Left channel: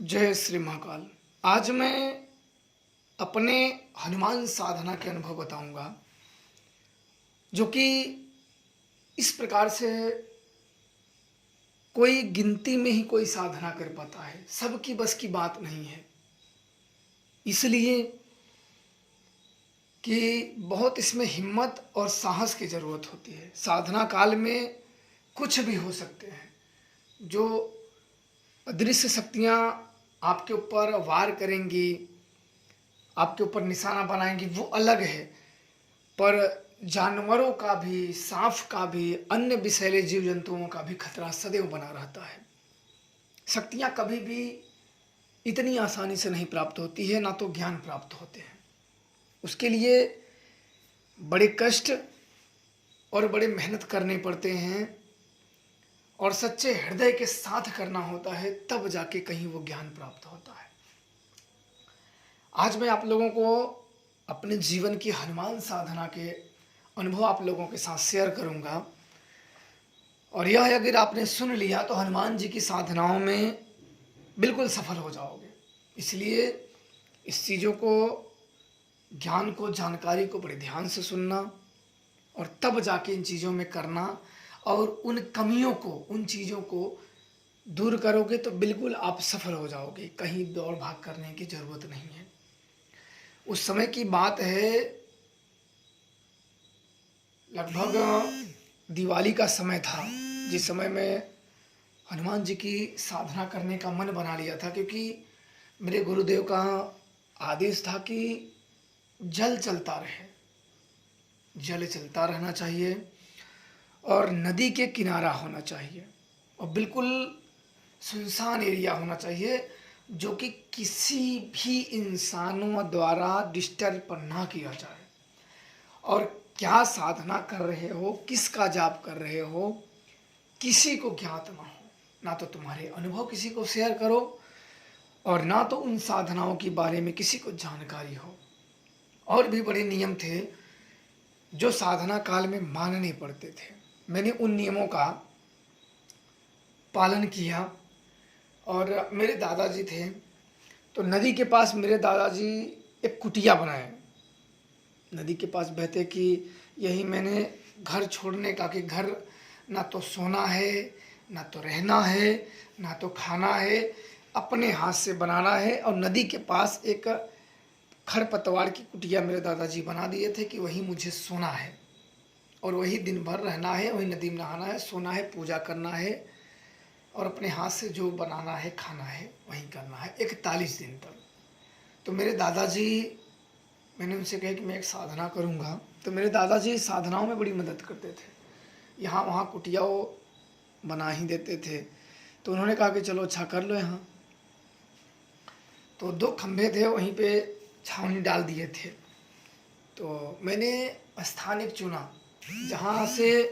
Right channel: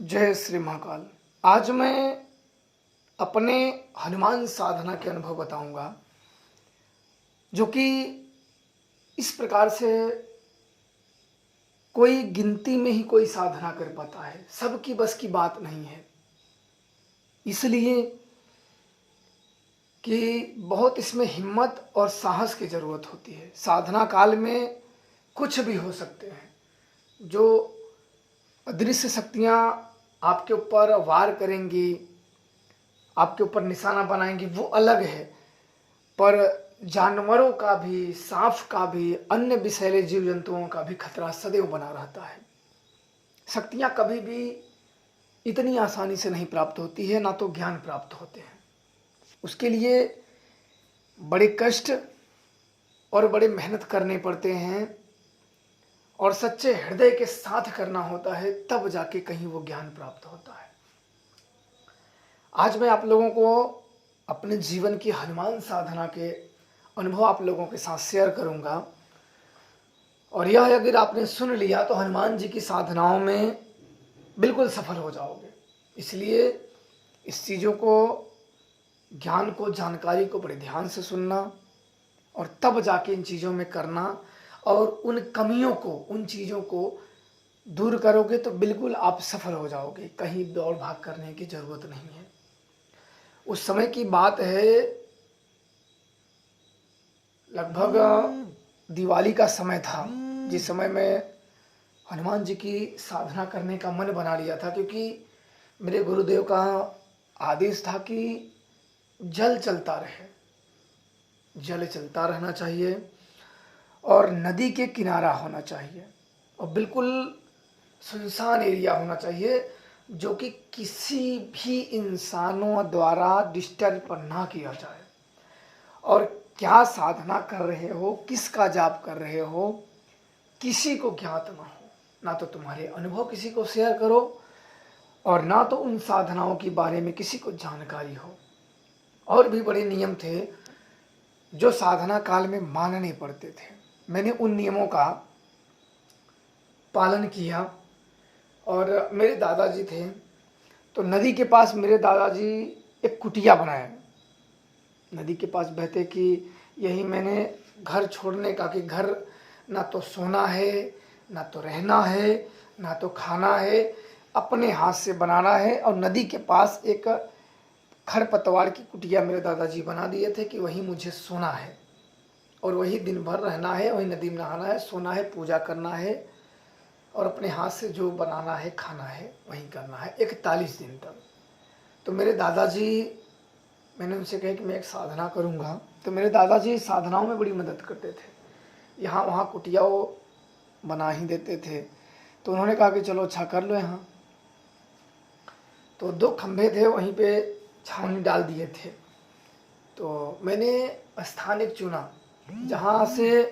जय श्री महाकाल। आज मैं अपने हनुमान साधना के अनुभव बताऊंगा, जो कि इस प्रकार से कोई गिनती में ही कोई साधना कर पाता है, सबकी बस की बात नहीं है। इसलिए कि बहुत इसमें हिम्मत और साहस की ज़रूरत होती है। साधना काल में कुछ भी हो सकते हैं। जो अदृश्य शक्तियाँ आपके ऊपर वार करेंगी, आपके ऊपर निशाना बनाएंगी, वो अलग है। पर जानवरों का भी, सांप का भी, अन्य विषैले जीव जंतुओं का भी खतरा सदैव बना रहता है। शक्तियाँ कभी भी इतनी आसानी से नहीं प्राप्त होती है, ना तो ज्ञान प्राप्त होते हैं। उसके लिए बड़े कष्ट और बड़े मेहनत करने पड़ते हैं और सच्चे हृदय के साथ करना होता है, तब जाके कहीं वो ज्ञान प्राप्त होता है। आज मैं आप लोगों को अपने जीवन की हनुमान साधना के अनुभव आप लोगों के साथ शेयर करूंगा। और यह अगर आपने सुन लिया तो हनुमान जी की साधनाओं में बिल्कुल सफल हो जाओगे। इसलिए इस चीज़ों को, ज्ञान को, जानकारी को बड़े ध्यान से सुनना और तब जाके इन चीज़ों में करना। और उन कमियों को, उन चीज़ों को दूर करोगे तो बिल्कुल आप सफल हो जाओगे। कहीं दौड़ भाग करने की ज़रूरत नहीं है। उस समय की बात है, लगभग दिवाली का समय था, जिस समय मैं हनुमान जी की साधना करने का मन बना लिया था। क्योंकि मेरे गुरुदेव का आदेश था कि जल चलता रहे, जल चलता रहना चाहिए और नदी के किनारा होना चाहिए और बिल्कुल सुनसान एरिया होना चाहिए, जो कि किसी भी इंसानों द्वारा डिस्टर्ब ना किया जाए। और क्या साधना कर रहे हो, किसका जाप कर रहे हो, किसी को ज्ञात ना हो। ना तो तुम्हारे अनुभव किसी को शेयर करो और ना तो उन साधनाओं के बारे में किसी को जानकारी हो। और भी बड़े नियम थे जो साधना काल में मानने पड़ते थे। मैंने उन नियमों का पालन किया। और मेरे दादाजी थे, तो नदी के पास मेरे दादाजी एक कुटिया बनाया, नदी के पास बहते कि यही मैंने घर छोड़ने का, कि घर ना तो सोना है, ना तो रहना है, ना तो खाना है, अपने हाथ से बनाना है। और नदी के पास एक खरपतवार की कुटिया मेरे दादाजी बना दिए थे कि वही मुझे सोना है और वही दिन भर रहना है, वही नदी में नहाना है, सोना है, पूजा करना है और अपने हाथ से जो बनाना है, खाना है, वही करना है 41 दिन तक। तो मेरे दादाजी, मैंने उनसे कहा कि मैं एक साधना करूंगा। तो मेरे दादाजी साधनाओं में बड़ी मदद करते थे, यहाँ वहाँ कुटिया वो बना ही देते थे। तो उन्होंने कहा कि चलो अच्छा कर लो यहाँ। तो 2 खंभे थे, वहीं पे छावनी डाल दिए थे। तो मैंने स्थान एक चुना जहाँ से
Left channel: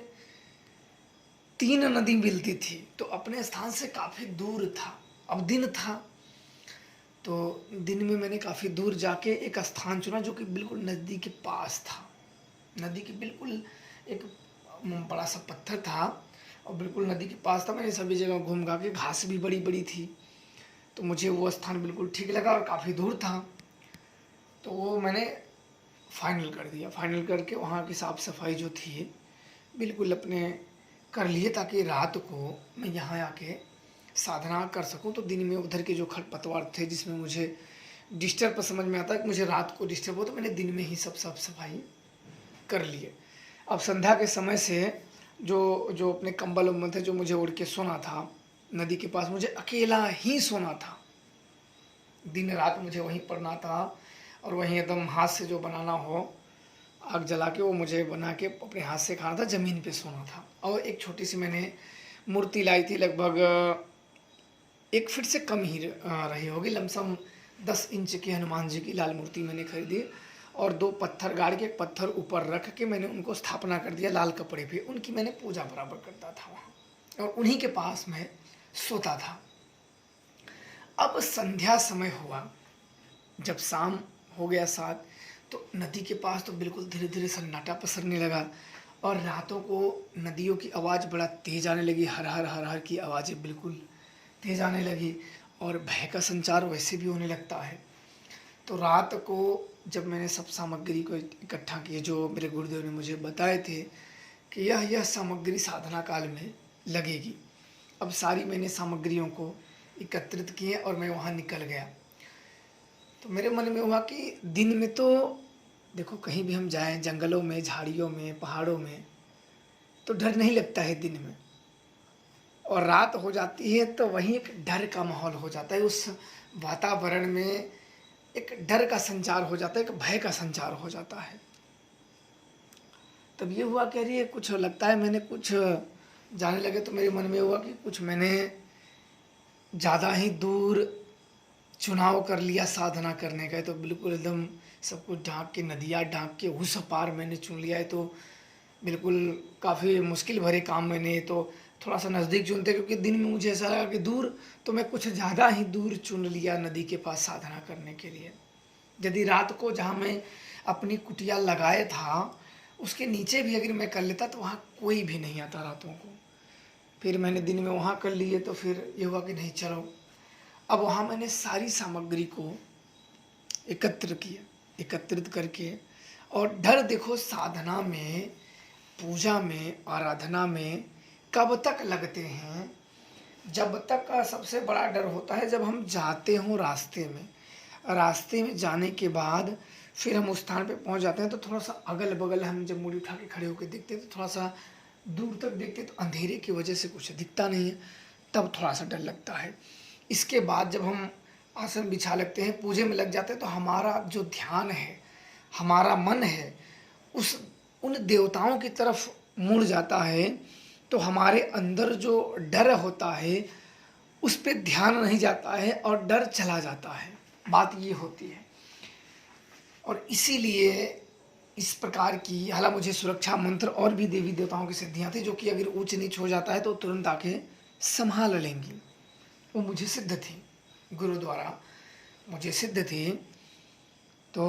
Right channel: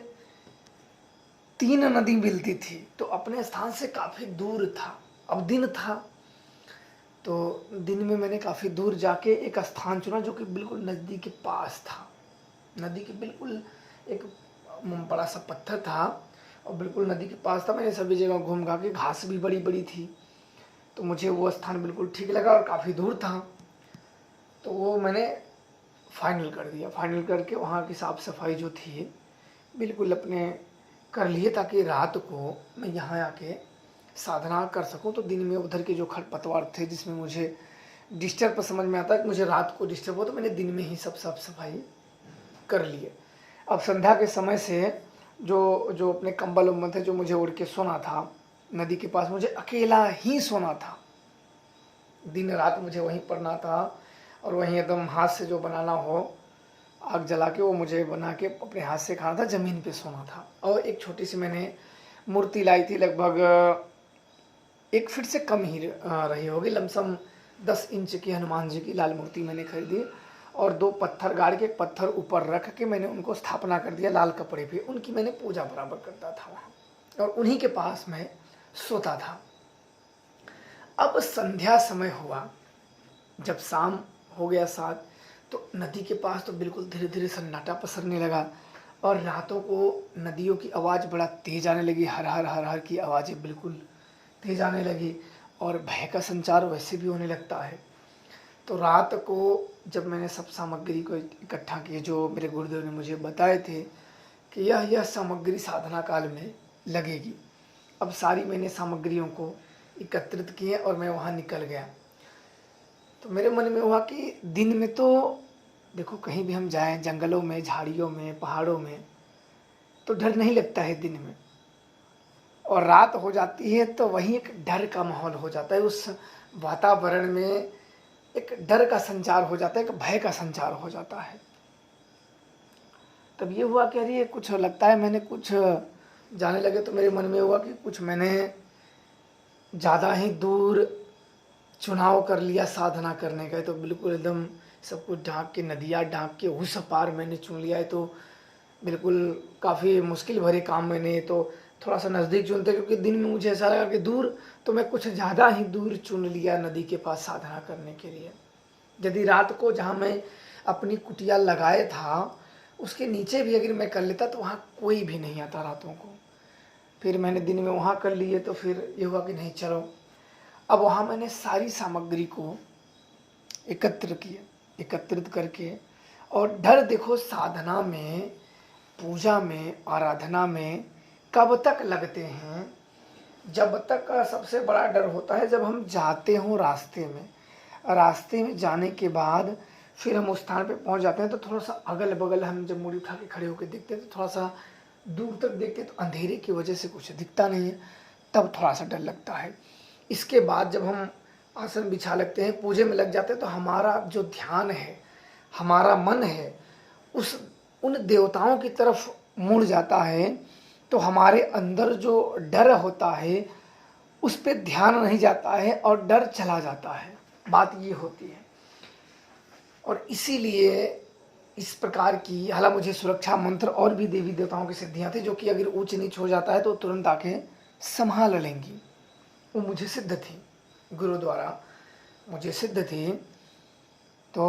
3 नदी मिलती थी, तो अपने स्थान से काफ़ी दूर था। अब दिन था, तो दिन में मैंने काफ़ी दूर जाके एक स्थान चुना जो कि बिल्कुल नदी के पास था। नदी के बिल्कुल एक बड़ा सा पत्थर था और बिल्कुल नदी के पास था। मैंने सभी जगह घूम घा के, घास भी बड़ी बड़ी थी, तो मुझे वो स्थान बिल्कुल ठीक लगा और काफ़ी दूर था। तो वो मैंने फाइनल कर दिया। फाइनल करके वहाँ की साफ़ सफाई जो थी बिल्कुल अपने कर लिए, ताकि रात को मैं यहाँ आके साधना कर सकूँ। तो दिन में उधर के जो खरपतवार थे जिसमें मुझे डिस्टर्ब समझ में आता है कि मुझे रात को डिस्टर्ब हो, तो मैंने दिन में ही सब साफ सफाई कर लिए। अब संध्या के समय से जो जो अपने कंबल उम्बल थे, जो मुझे ओढ़ के सोना था नदी के पास, मुझे अकेला ही सोना था। दिन रात मुझे वहीं पड़ना था और वहीं एकदम हाथ से जो बनाना हो, आग जला के वो मुझे बना के अपने हाथ से खाना था, ज़मीन पे सोना था। और एक छोटी सी मैंने मूर्ति लाई थी, लगभग 1 फीट से कम ही रही होगी, लमसम 10 इंच की हनुमान जी की लाल मूर्ति मैंने खरीदी और 2 पत्थर गाड़ के, एक पत्थर ऊपर रख के मैंने उनको स्थापना कर दिया लाल कपड़े पे। उनकी मैंने पूजा बराबर करता था वहाँ और उन्हीं के पास मैं सोता था। अब संध्या समय हुआ, जब शाम हो गया 7, तो नदी के पास तो बिल्कुल धीरे धीरे सन्नाटा पसरने लगा और रातों को नदियों की आवाज़ बड़ा तेज आने लगी। हर हर हर हर की आवाज़ें बिल्कुल तेज आने लगी और भय का संचार वैसे भी होने लगता है। तो रात को जब मैंने सब सामग्री को इकट्ठा किया जो मेरे गुरुदेव ने मुझे बताए थे कि यह सामग्री साधना काल में लगेगी, अब सारी मैंने सामग्रियों को एकत्रित किए और मैं वहाँ निकल गया। तो मेरे मन में हुआ कि दिन में तो देखो कहीं भी हम जाएं, जंगलों में, झाड़ियों में, पहाड़ों में, तो डर नहीं लगता है दिन में, और रात हो जाती है तो वहीं एक डर का माहौल हो जाता है। उस वातावरण में एक डर का संचार हो जाता है, एक भय का संचार हो जाता है। तब ये हुआ कह रही है कुछ लगता है मैंने कुछ जाने लगे, तो मेरे मन में हुआ कि कुछ मैंने ज़्यादा ही दूर चुनाव कर लिया साधना करने का। तो बिल्कुल एकदम सब कुछ ढांक के, नदियाँ ढांक के उस पार मैंने चुन लिया है। तो बिल्कुल काफ़ी मुश्किल भरे काम मैंने तो थोड़ा सा नज़दीक चुनते, क्योंकि दिन में मुझे ऐसा लगा कि दूर, तो मैं कुछ ज़्यादा ही दूर चुन लिया नदी के पास साधना करने के लिए। यदि रात को जहाँ मैं अपनी कुटिया लगाए था उसके नीचे भी अगर मैं कर लेता तो वहाँ कोई भी नहीं आता रातों को। फिर मैंने दिन में वहाँ कर लिए, तो फिर ये हुआ कि नहीं चलो, अब वहाँ मैंने सारी सामग्री को एकत्रित करके, और डर देखो साधना में, पूजा में, आराधना में कब तक लगते हैं, जब तक का सबसे बड़ा डर होता है जब हम जाते हों रास्ते में जाने के बाद फिर हम उस स्थान पे पहुंच जाते हैं, तो थोड़ा सा अगल बगल हम जब मुड़ी उठा के खड़े होकर देखते हैं तो थोड़ा सा दूर तक देखते हैं तो अंधेरे की वजह से कुछ दिखता नहीं है, तब थोड़ा सा डर लगता है। इसके बाद जब हम आसन बिछा लगते हैं, पूजे में लग जाते हैं, तो हमारा जो ध्यान है, हमारा मन है उस उन देवताओं की तरफ मुड़ जाता है, तो हमारे अंदर जो डर होता है उस पे ध्यान नहीं जाता है और डर चला जाता है। बात ये होती है। और इसीलिए इस प्रकार की, हालांकि मुझे सुरक्षा मंत्र और भी देवी देवताओं की सिद्धियां थी जो कि अगर ऊंच नीच हो जाता है तो तुरंत आके संभाल लेंगी, वो मुझे सिद्ध थी, गुरु द्वारा मुझे सिद्ध थी। तो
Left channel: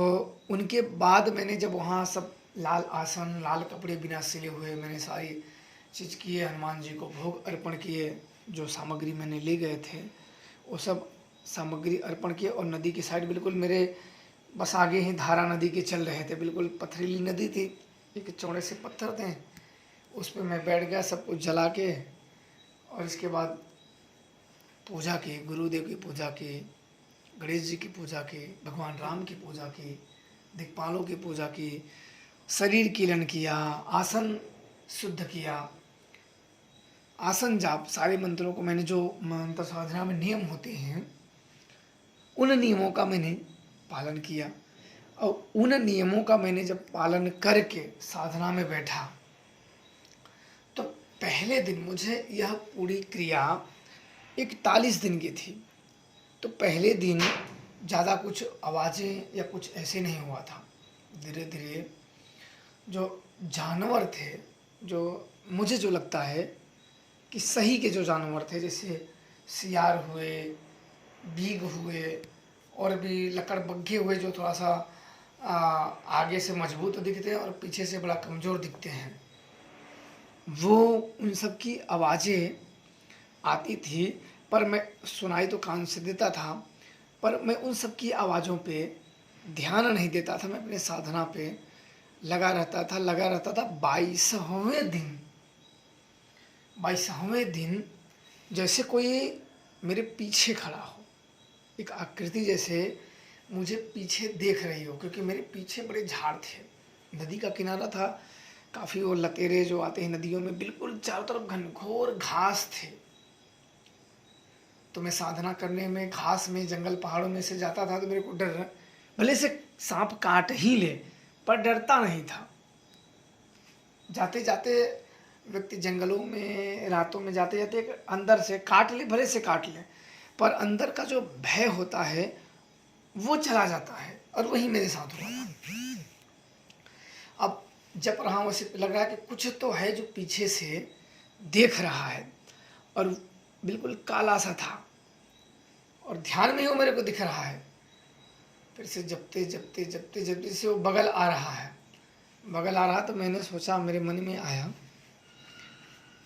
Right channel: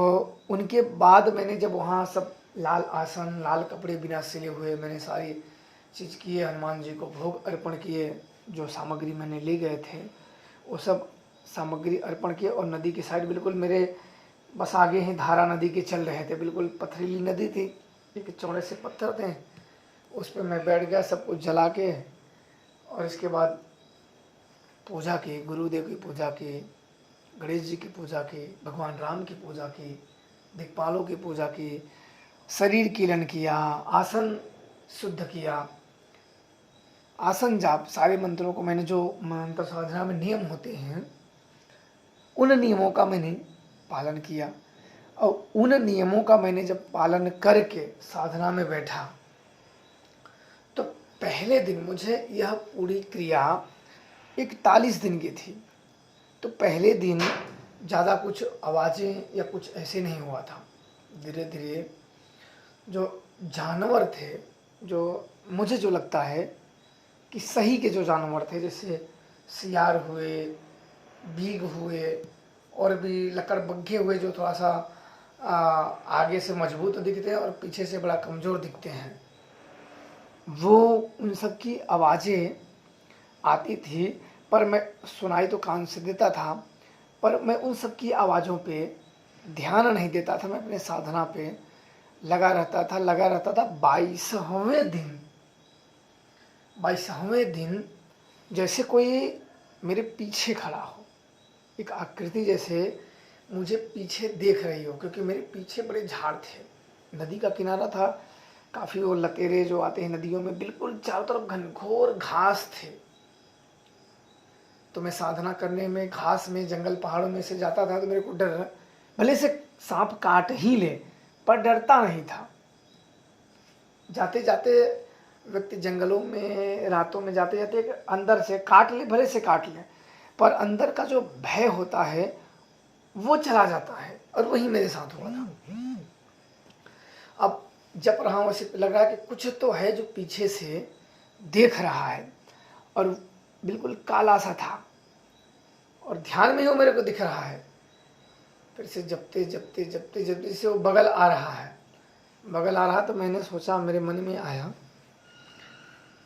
उनके बाद मैंने जब वहाँ सब लाल आसन, लाल कपड़े बिना सिले हुए मैंने सारी चीज़ किए, हनुमान जी को भोग अर्पण किए, जो सामग्री मैंने ले गए थे वो सब सामग्री अर्पण किए, और नदी की साइड बिल्कुल मेरे बस आगे ही धारा नदी के चल रहे थे, बिल्कुल पथरीली नदी थी, एक चौड़े से पत्थर थे, उस पर मैं बैठ गया, सब कुछ जला के, और इसके बाद पूजा की, गुरुदेव की पूजा की, गणेश जी की पूजा की, भगवान राम की पूजा की, दिक्पालों की पूजा की, शरीर कीलन किया, आसन शुद्ध किया, आसन जाप, सारे मंत्रों को मैंने, जो मंत्र साधना में नियम होते हैं उन नियमों का मैंने पालन किया। और उन नियमों का मैंने जब पालन करके साधना में बैठा तो पहले दिन मुझे यह पूरी क्रिया 41 दिन की थी। तो पहले दिन ज़्यादा कुछ आवाज़ें या कुछ ऐसे नहीं हुआ था। धीरे धीरे जो जानवर थे, जो मुझे जो लगता है कि सही के जो जानवर थे, जैसे सियार हुए, बीग हुए, और भी लकड़बग्घे हुए जो थोड़ा सा आगे से मजबूत दिखते हैं और पीछे से बड़ा कमज़ोर दिखते हैं, वो उन सब की आवाज़ें आती थी, पर मैं सुनाई तो कान से देता था, पर मैं उन सब की आवाज़ों पे ध्यान नहीं देता था, मैं अपने साधना पे लगा रहता था। 22वें दिन जैसे कोई मेरे पीछे खड़ा हो, एक आकृति जैसे मुझे पीछे देख रही हो, क्योंकि मेरे पीछे बड़े झाड़ थे, नदी का किनारा था, काफ़ी वो लतेरे जो आते हैं नदियों में, बिल्कुल चारों तरफ घनघोर घास थे। तो मैं साधना करने में घास में, जंगल पहाड़ों में से जाता था तो मेरे को डर, भले से सांप काट ही ले पर डरता नहीं था। जाते जाते व्यक्ति जंगलों में रातों में जाते जाते अंदर से काट ले, भले से काट ले, पर अंदर का जो भय होता है वो चला जाता है, और वही मेरे साथ हुआ था। अब जब रहा वैसे लग रहा है कि कुछ तो है जो पीछे से देख रहा है, और बिल्कुल काला सा था, और ध्यान में ही वो मेरे को दिख रहा है। फिर से जपते से वो बगल आ रहा, तो मैंने सोचा, मेरे मन में आया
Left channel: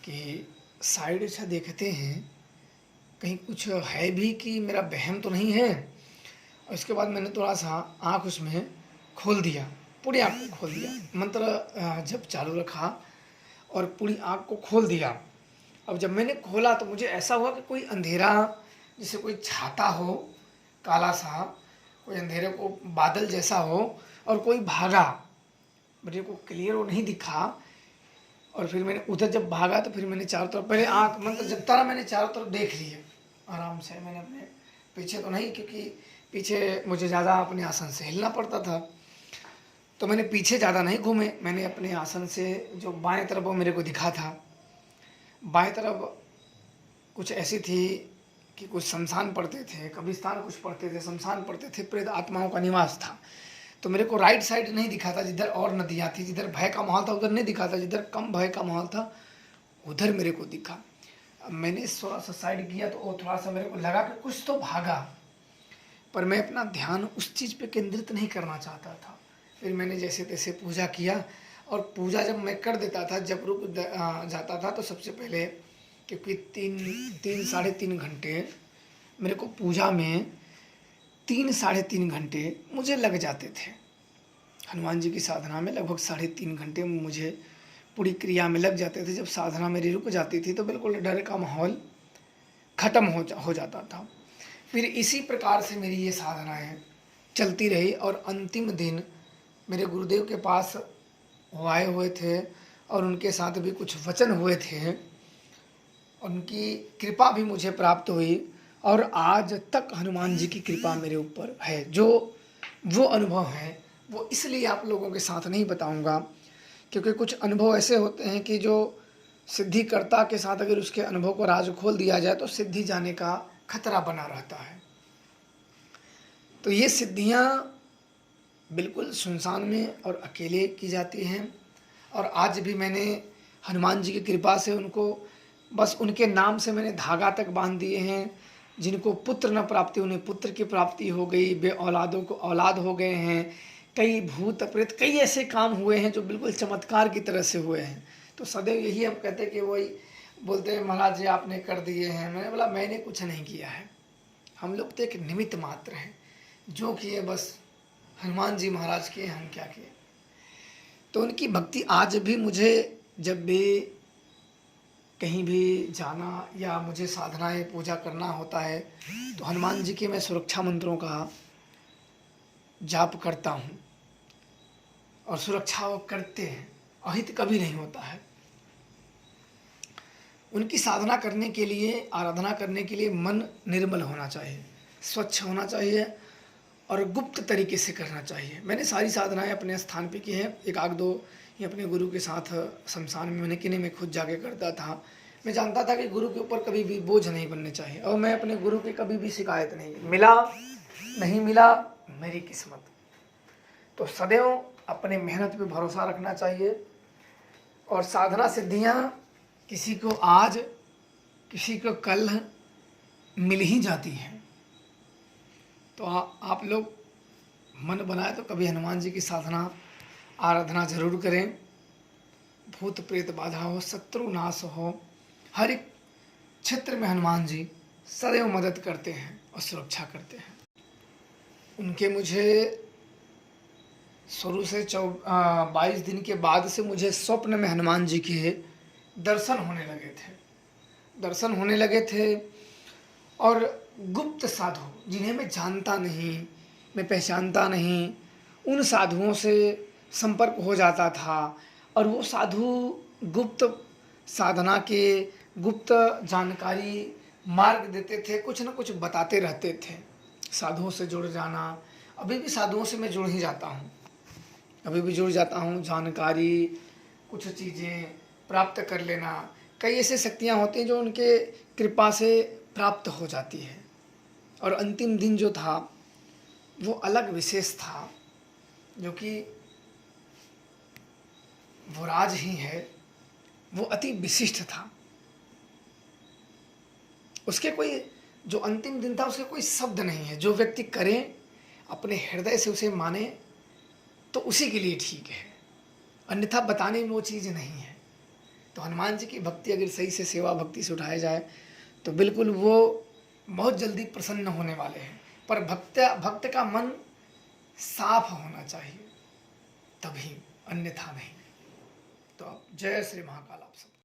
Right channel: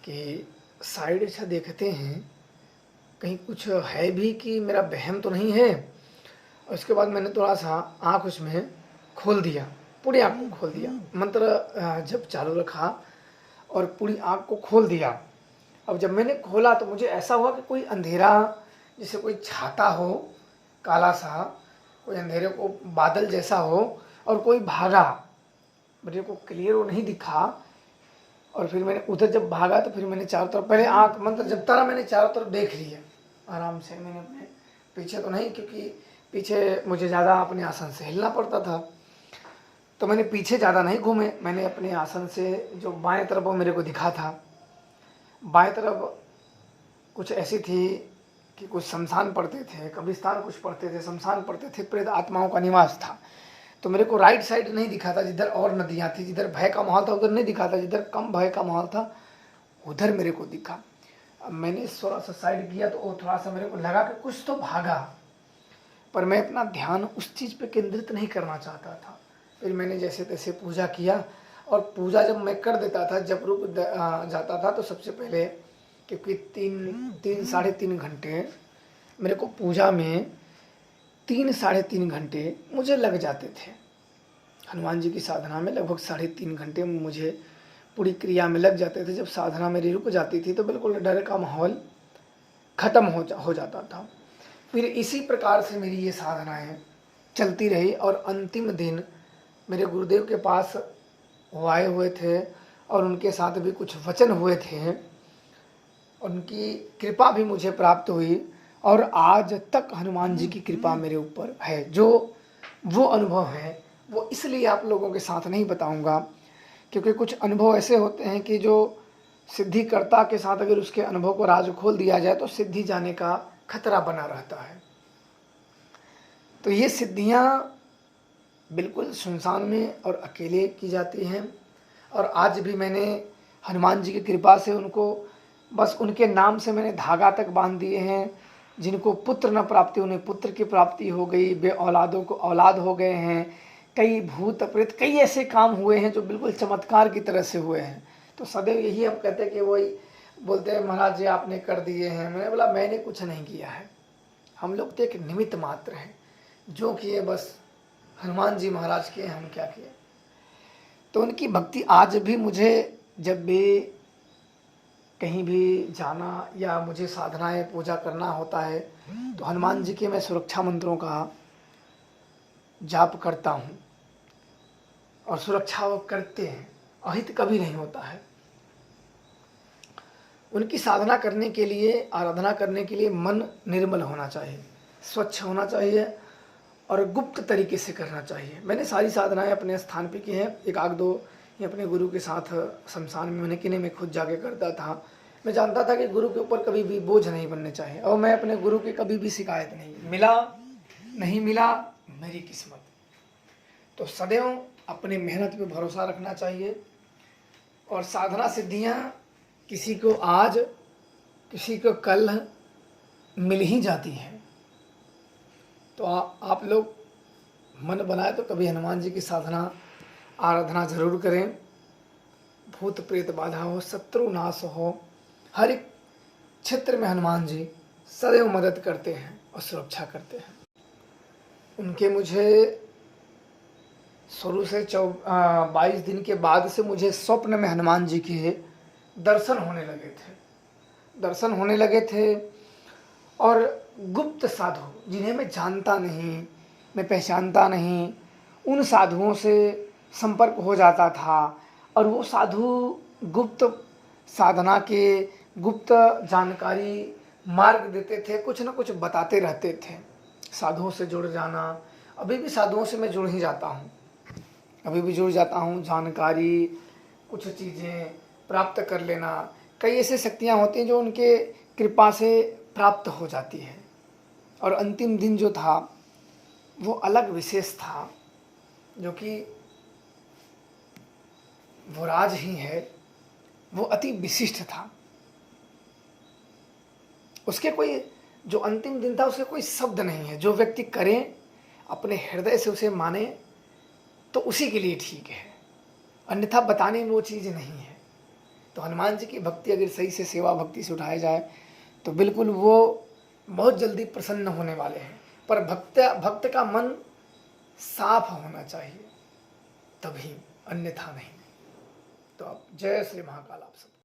कि साइड से देखते हैं कहीं कुछ है भी कि मेरा वहम तो नहीं है। और उसके बाद मैंने थोड़ा सा आँख उसमें खोल दिया, पूरी आँख को खोल दिया, मंत्र जब चालू रखा और पूरी आँख को खोल दिया। अब जब मैंने खोला तो मुझे ऐसा हुआ कि कोई अंधेरा, जैसे कोई छाता हो काला सा, कोई अंधेरे को बादल जैसा हो और कोई भागा, मेरे को क्लियर वो नहीं दिखा। और फिर मैंने उधर जब भागा तो फिर मैंने चारों तरफ, पहले आँख मंत्र जब तारा मैंने चारों तरफ देख लिया आराम से। मैंने अपने पीछे तो नहीं, क्योंकि पीछे मुझे ज़्यादा अपने आसन से हिलना पड़ता था, तो मैंने पीछे ज़्यादा नहीं घूमे। मैंने अपने आसन से जो बाएं तरफ वो मेरे को दिखा था, बाएं तरफ कुछ ऐसी थी कि कुछ शमशान पड़ते थे, कब्रिस्तान कुछ पड़ते थे, शमशान पड़ते थे, प्रेत आत्माओं का निवास था। तो मेरे को राइट साइड नहीं दिखा था जिधर और नदियाँ थी, जिधर भय का माहौल था उधर नहीं दिखा था, जिधर कम भय का माहौल था उधर मेरे को दिखा। अब मैंने थोड़ा सा साइड किया तो वो थोड़ा सा मेरे को लगा कि कुछ तो भागा, पर मैं अपना ध्यान उस चीज़ पे केंद्रित नहीं करना चाहता था। फिर मैंने जैसे तैसे पूजा किया, और पूजा जब मैं कर देता था, जब रुक जाता था, तो सबसे पहले, क्योंकि 3 साढ़े 3 घंटे मेरे को पूजा में 3 साढ़े 3 घंटे मुझे लग जाते थे। हनुमान जी की साधना में लगभग 3.5 घंटे मुझे पूरी क्रिया में लग जाते थे। जब साधना मेरी रुक जाती थी तो बिल्कुल डर का माहौल ख़त्म हो जाता था। फिर इसी प्रकार से मेरी ये साधनाएँ चलती रही, और अंतिम दिन मेरे गुरुदेव के पास वो आए हुए थे और उनके साथ भी कुछ वचन हुए थे, उनकी कृपा भी मुझे प्राप्त हुई, और आज तक हनुमान जी की कृपा मेरे ऊपर है। जो वो अनुभव है वो इसलिए आप लोगों के साथ नहीं बताऊंगा, क्योंकि कुछ अनुभव ऐसे होते हैं कि जो सिद्धिकर्ता के साथ अगर उसके अनुभव को राज खोल दिया जाए तो सिद्धि जाने का खतरा बना रहता है। तो ये सिद्धियाँ बिल्कुल सुनसान में और अकेले की जाती हैं, और आज भी मैंने हनुमान जी की कृपा से उनको, बस उनके नाम से मैंने धागा तक बांध दिए हैं। जिनको पुत्र न प्राप्ति उन्हें पुत्र की प्राप्ति हो गई, बे औलादों को औलाद हो गए हैं, कई भूत प्रेत, कई ऐसे काम हुए हैं जो बिल्कुल चमत्कार की तरह से हुए हैं। तो सदैव यही आप कहते हैं कि वही बोलते हैं, महाराज जी आपने कर दिए हैं। मैंने बोला मैंने कुछ नहीं किया है, हम लोग तो एक निमित्त मात्र हैं, जो किए बस हनुमान जी महाराज किए, हम क्या किए। तो उनकी भक्ति आज भी मुझे, जब भी कहीं भी जाना या मुझे साधनाएं पूजा करना होता है तो हनुमान जी के मैं सुरक्षा मंत्रों का जाप करता हूँ, और सुरक्षा वो करते हैं, अहित कभी नहीं होता है। उनकी साधना करने के लिए, आराधना करने के लिए मन निर्मल होना चाहिए, स्वच्छ होना चाहिए, और गुप्त तरीके से करना चाहिए। मैंने सारी साधनाएं अपने स्थान पे की हैं, एक आध दो ये अपने गुरु के साथ शमशान में मैंने किने में खुद जाके करता था। मैं जानता था कि गुरु के ऊपर कभी भी बोझ नहीं बनने चाहिए, और मैं अपने गुरु की कभी भी शिकायत नहीं, मिला नहीं मिला मेरी किस्मत। तो सदैव अपनी मेहनत पे भरोसा रखना चाहिए, और साधना सिद्धियाँ किसी को आज किसी को कल मिल ही जाती हैं। तो आप लोग मन बनाए तो कभी हनुमान जी की साधना आराधना जरूर करें। भूत प्रेत बाधा हो, शत्रु नाश हो, हर एक क्षेत्र में हनुमान जी सदैव मदद करते हैं और सुरक्षा करते हैं। उनके मुझे शुरू से 22 दिन के बाद से मुझे स्वप्न में हनुमान जी के दर्शन होने लगे थे। और गुप्त साधु जिन्हें मैं जानता नहीं, मैं पहचानता नहीं, उन साधुओं से संपर्क हो जाता था, और वो साधु गुप्त साधना के गुप्त जानकारी मार्ग देते थे, कुछ न कुछ बताते रहते थे। साधुओं से जुड़ जाना, अभी भी साधुओं से मैं जुड़ ही जाता हूँ, अभी भी जुड़ जाता हूँ। जानकारी, कुछ चीज़ें प्राप्त कर लेना, कई ऐसी शक्तियाँ होती हैं जो उनके कृपा से प्राप्त हो जाती है। और अंतिम दिन जो था वो अलग विशेष था, जो कि वो राज ही है, वो अति विशिष्ट था। उसके कोई, जो अंतिम दिन था उसके कोई शब्द नहीं है। जो व्यक्ति करे अपने हृदय से उसे माने तो उसी के लिए ठीक है, अन्यथा बताने में वो चीज़ नहीं है। तो हनुमान जी की भक्ति अगर सही से सेवा भक्ति से उठाया जाए तो बिल्कुल वो बहुत जल्दी प्रसन्न होने वाले हैं। पर भक्त का मन साफ होना चाहिए, तभी, अन्यथा नहीं। तो अब जय श्री महाकाल आप सब।